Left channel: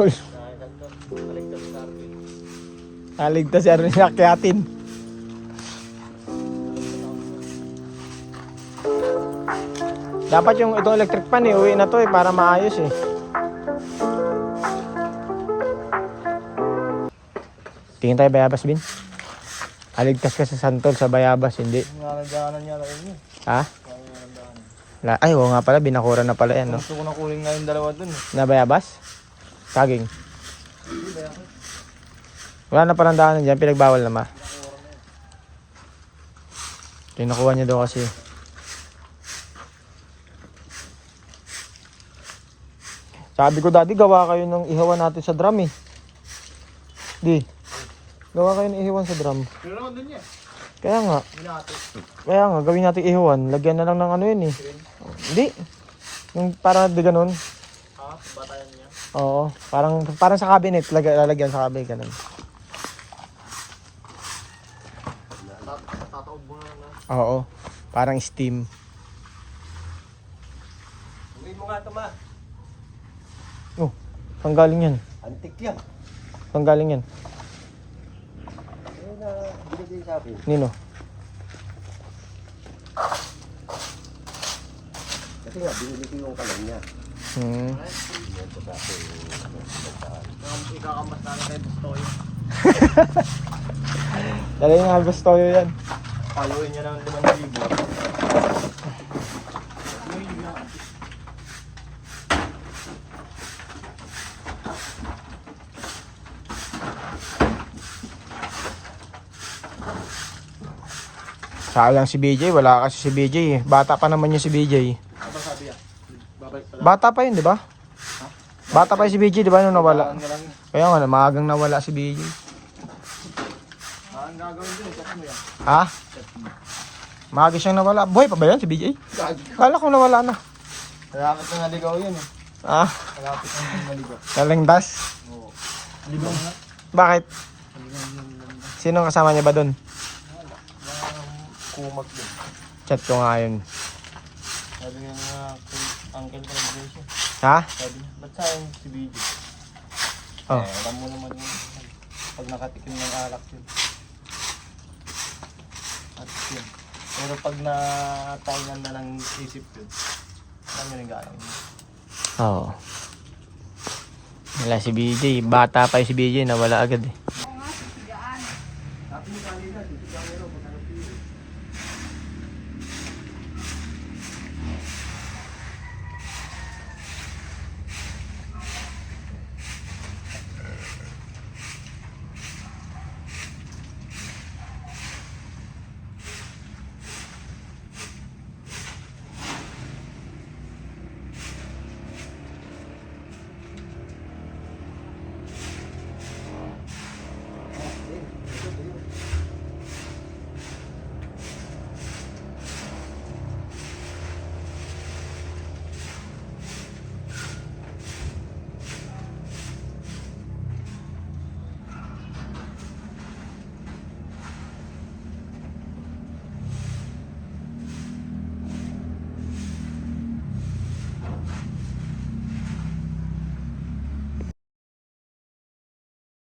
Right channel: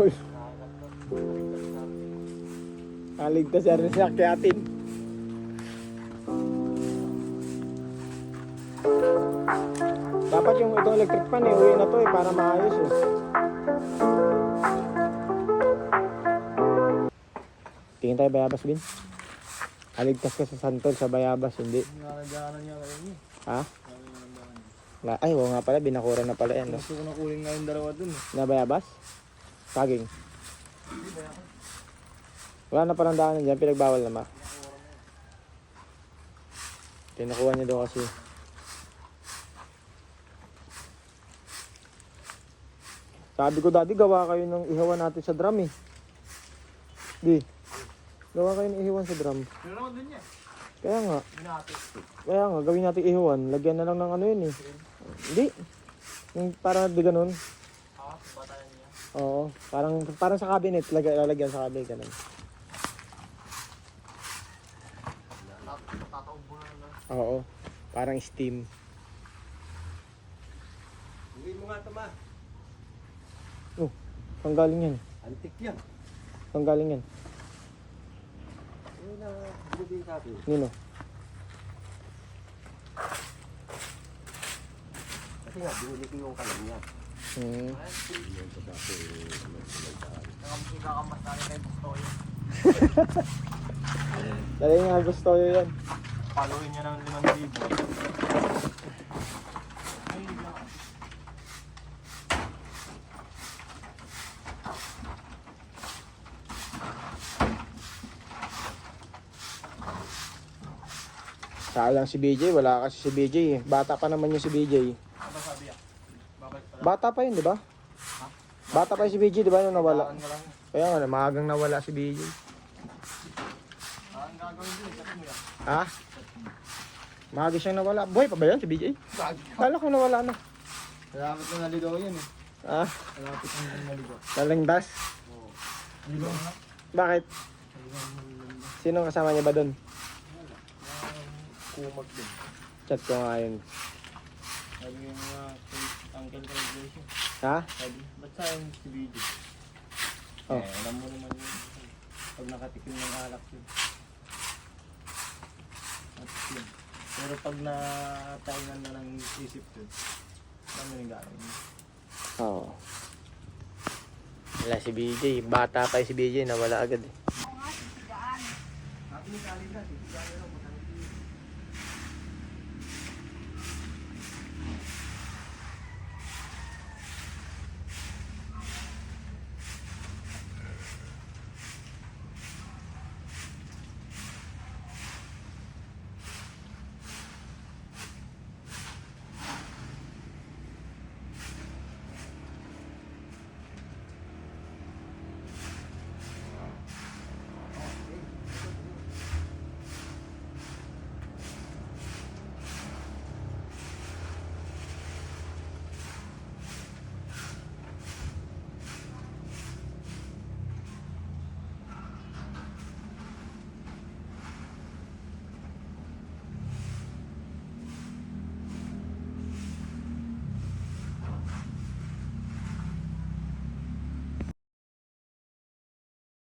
santol. Naligtas yan rin akyatin. Dapat yung itong electric pan uwi na to para maayos Tingin tayo bayabas, Bin? Aligtas ka sa santol sa bayabas, hindi? Nanandaanan niya ako yun. Ha? Ay, oo nga pala, binakura na pala yan, no? Gusto ko na kuling nga yung dalawa dun. Na bayabas? Saging? Wala na palang daanan dyan, pinagbawal naman. Kinukuha niya daw kasi. Sabi ko dati, gawa kayo ng ihawan natin sa drum Di. Gawa kayo ng ihawan sa drum. Pero naman dun niya. Kaya nga. Kaya nga, gawin natin ihawan. Lagyan na lang ng ano yun Hindi. Yung parang di ganun. Ha? Batayan niya? Oo. Parang sa cabinet. Lalagyan sa cabinet. Ganun. Tataob mo na. Oo. Parang steam. Gawin mo nga ito ma. Oh. Panggaling yan. Antik yan. Panggaling yan. Binigay sa akin. Nino? Kasi nga, binili ko yung kalan niya. Ikakamat na kayo gusto yun. Dali nga gusto ko yan. Paluin niya ng 5,000. Sayang si BJ, wala kasi si BJ Bata pa naman yung si BJ. Ano sabi yan? Babalik pala. Bata pa yun, di ba? Bata pa yung si BJ, di ba, nung nawala? Kaya nga, maagang nawala si BJ. Ang gagawin din, check mo yan. Ha? Maaga siyang nawala. Buhay pa ba yan si BJ? Kala ko nawala na. Malapit na naligaw yun Ha? Malapit na naligaw. Kalingdas? Oo. Ligaw nga. Bakit? Ligaw yung Sino kasama niya ba doon? kumak din. Chat ko nga yun. Sabi nga mga uncle ko na siya. Ha? Sabi, ba't sayang si BJ? Oh. Alam mo naman yung pag nakatikim ng alak yun. At yun. Pero pag natainan na ng isip yun, alam mo yung galang yun. Oo. Wala si BJ. Bata pa yung si BJ, nawala agad Ating kanina,